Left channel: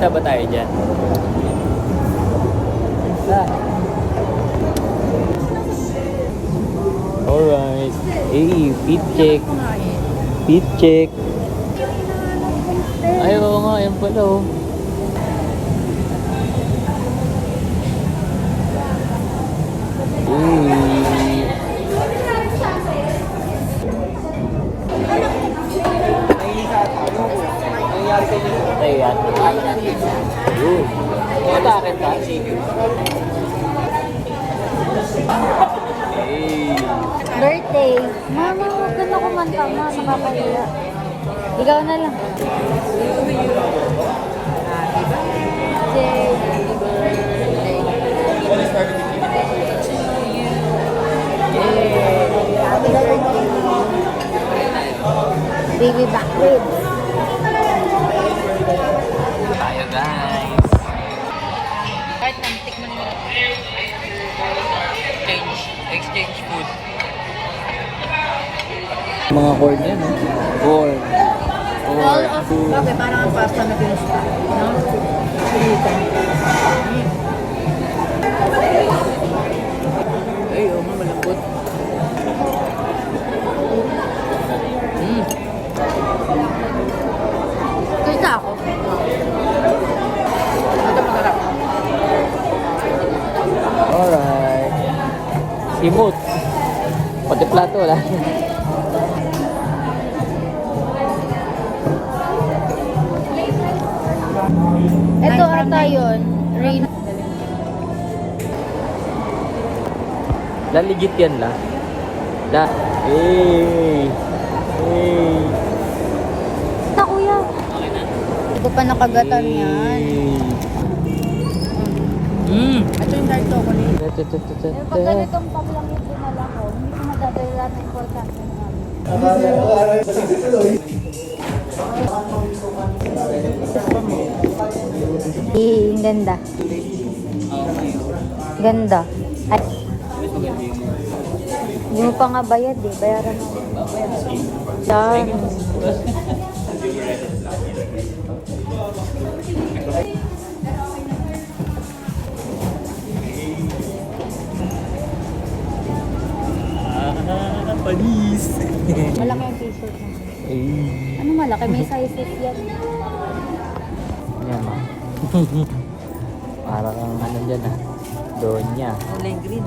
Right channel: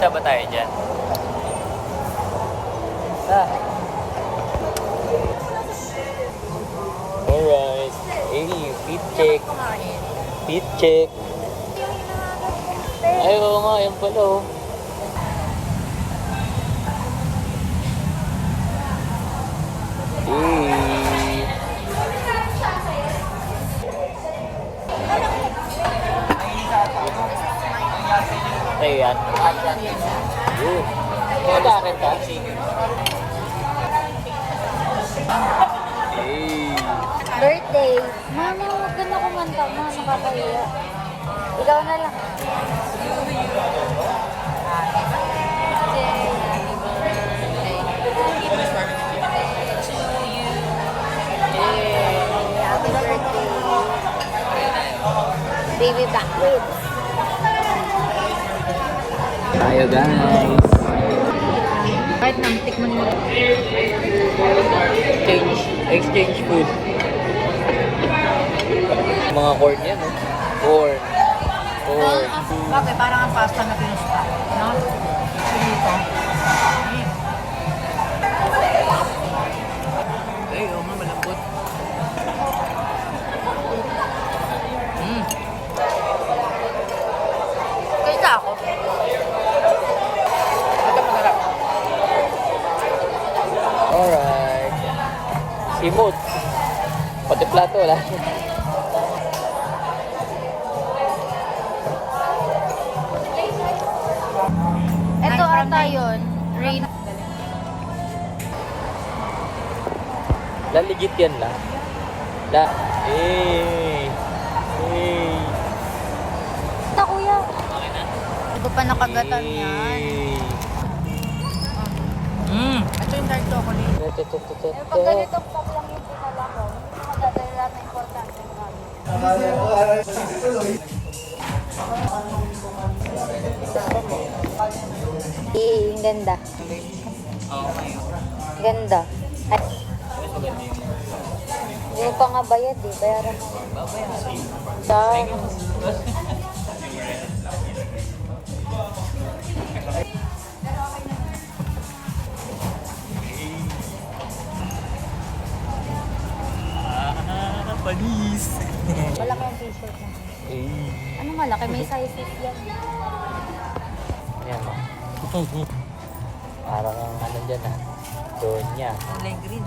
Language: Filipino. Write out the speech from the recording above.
Pupunta ba tayo dyan? Alright. Hey, feet check. Feet check. Ay, oo nga. Ayan pala oh. Birthday. Happy birthday. Gusto ko manta na sa birthday. Ikaw na lang. Happy birthday. Happy birthday. Happy birthday to you. Happy birthday. Baby back. Tayo guys. Kahit nang tikman mo. Exchange food. Mga board yan. Board. Ball of... Bakit? Parang ang pasta na pinusta. No? Pinito. Ay, oo nga, malambot. Gusto ako. Ito masarap. Alright. Simot. Pati plato, wala. Ito ata yun. Rain. Naligit yan na. Na. Hey. Hey. Ito kuya. Okay na. Hindi ko pa nakagatan yan. Ito yung dark chocolate. Pag ganitong paklamit ko na lang ako, hindi ko madadala na importante nga. Ang ganda. Oo, ngayon. Ganda. At hindi mo pa nga bayad eh. Bayaran mo. Babayaran. Ah. Panis. Malaki yung t-shirt. Ay. Ano malaki? May size 6 yan. Parang ano dyan ah. Doon niya. Kulay green.